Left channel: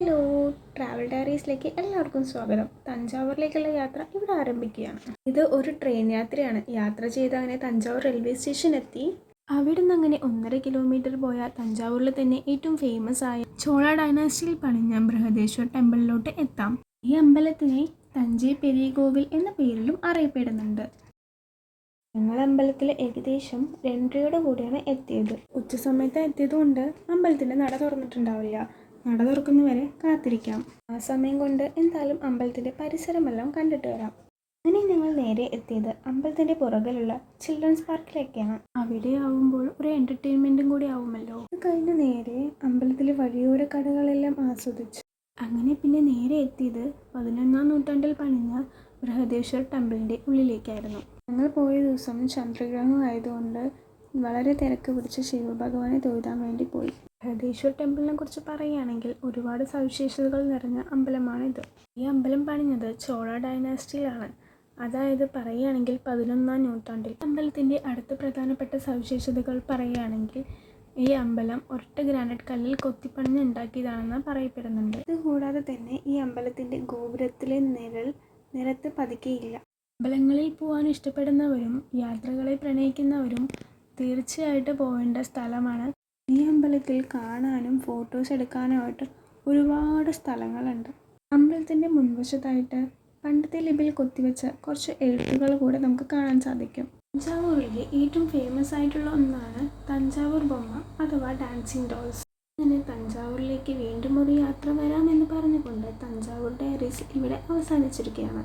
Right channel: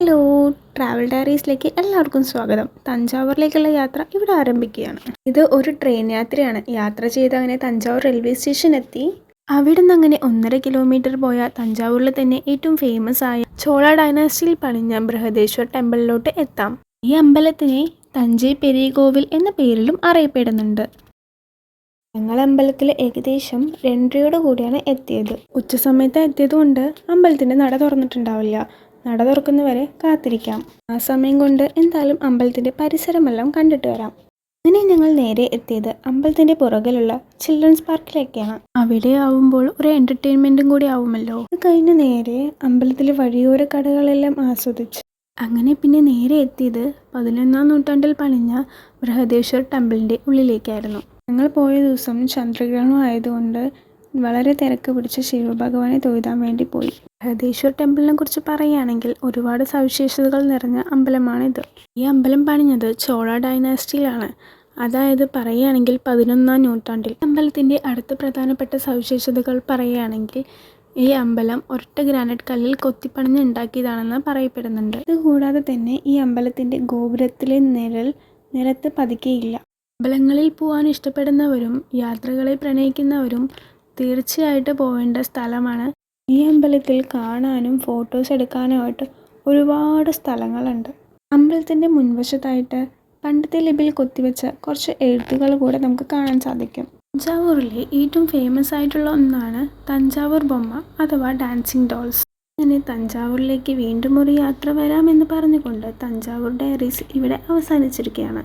Hello, travel ഡയറീസിലേക്ക് എല്ലാവർക്കും സ്വാഗതം. തഞ്ചാവൂരിലേക്കുള്ള യാത്ര ഇവിടെ ആരംഭിക്കുകയാണ്. ഇത് ഒരു ട്രെയിൻ യാത്രയാണ്. യാത്ര ചെയ്ത് അങ്ങനെ തഞ്ചാവൂർ റെയിൽവേ സ്റ്റേഷൻ എത്തി. അവിടെ നിന്ന് അങ്ങനെ 1.5 കിലോമീറ്റർ പോയാൽ തഞ്ചാവൂരിൽ തന്നെ ഏറ്റവും ഫേമസ് ആയ ചോള ഡൈനാസ്റ്റിയിൽ പണിഞ്ഞ ബൃഹദേശ്വർ ടെമ്പിളിലോട്ട് എത്താം. ഈ അമ്പലത്തിനെ തഞ്ചൈ പെരിയ കോവിൽ എന്ന പേരിലും അറിയപ്പെടുന്നുണ്ട്. ഞങ്ങൾ അമ്പലത്തിൽ ഏകദേശം 2:30 കൂടിയാണ് എത്തിയത്. ഉച്ച സമയത്ത് എത്തിയതുകൊണ്ട് അമ്പലത്തിൻ്റെ നട തുറന്നിട്ടുണ്ടാവില്ല. നട തുറക്കുന്നവരെ കാത്തിരിക്കാം. ആ സമയം കൊണ്ട് എന്തായാലും അമ്പലത്തിൻ്റെ പരിസരമെല്ലാം കണ്ടിട്ട് വരാം. അങ്ങനെ ഞങ്ങൾ നേരെ എത്തിയത് അമ്പലത്തിൻ്റെ പുറകിലുള്ള ചിൽഡ്രൻസ് പാർക്കിലേക്കാണ്. അവിടെ ആവുമ്പോൾ ഒരു എൻ്റർടൈൻമെൻറ്റും കൂടി ആവുമല്ലോ. അത് കഴിഞ്ഞ് നേരെ അമ്പലത്തിലെ വഴിയോര കടകളെല്ലാം ആസ്വദിച്ചു. അങ്ങനെ പിന്നെ നേരെ എത്തിയത് 11-ാം നൂറ്റാണ്ടിൽ പണിഞ്ഞ ബൃഹദേശ്വർ ടെമ്പിളിൻ്റെ ഉള്ളിലേക്കായിരുന്നു. ഞങ്ങൾ പോയ ദിവസം ചന്ദ്രഗ്രഹണം ആയതുകൊണ്ട് വളരെ തിരക്ക് പിടിച്ച് ശിവഭഗവാനെ തൊഴുതാൻ വേണ്ടി പോയി. ബൃഹദേശ്വർ ടെമ്പിളിനെ കുറിച്ച് പറയുകയാണെങ്കിൽ ഒരുപാട് സവിശേഷതകൾ നിറഞ്ഞ അമ്പലമാണിത്. ഈ അമ്പലം പണിഞ്ഞത് ചോള ഡൈനാസ്റ്റിയിലാണ്. അതായത് പറയുകയാണെങ്കിൽ 11-ാം നൂറ്റാണ്ടിൽ. അമ്പലത്തിൻ്റെ അടുത്ത പ്രധാനപ്പെട്ട സവിശേഷതകൾ പറയുകയാണെങ്കിൽ ഈ അമ്പലം ഒരൊറ്റ ഗ്രാനൈറ്റ് കല്ലിൽ കൊത്തിപ്പണിഞ്ഞ് ഉണ്ടാക്കിയതാണെന്ന് പറയപ്പെടുന്നുണ്ട്. ഇതുകൂടാതെ തന്നെ ഈ അമ്പലത്തിൻ്റെ ഗോപുരത്തിലെ നിലത്ത് പതിക്കയില്ല. അമ്പലങ്ങളിൽ പോകാൻ ഇഷ്ടപ്പെടുന്നവരും യാത്രകളെ പ്രണയിക്കുന്നവരും തീർച്ചയായിട്ടും പോവേണ്ട സ്ഥലമാണ്. ഈ അമ്പലത്തിൽ കാണാനും ഫോട്ടോസ് എടുക്കാനുമായിട്ട് ഒരുപാട് സ്ഥലങ്ങളുണ്ട്. അമ്പലത്തിൻ്റെ മുൻവശത്തായിട്ട് പണ്ടത്തെ ലിപിയിൽ കൊത്തിവെച്ച കുറച്ച് എഴുത്തുകൾ കൂടെ നമുക്ക് കാണാൻ സാധിക്കും. തഞ്ചാവൂരിലെ ഏറ്റവും ഫേമസ് ആയിട്ടുള്ള ഒന്നാണ് തഞ്ചാവൂർ ബൊമ്മ അഥവാ ഡാൻസിങ് ഡോൾസ്. അങ്ങനെ തഞ്ചാവൂരിലേക്ക് വീണ്ടും ഒരു യാത്ര വരാമെന്ന് പറഞ്ഞുകൊണ്ട് തഞ്ചാവൂർ ഡയറീസ് ഇവിടെ അവസാനിച്ചിരിക്കുകയാണ്.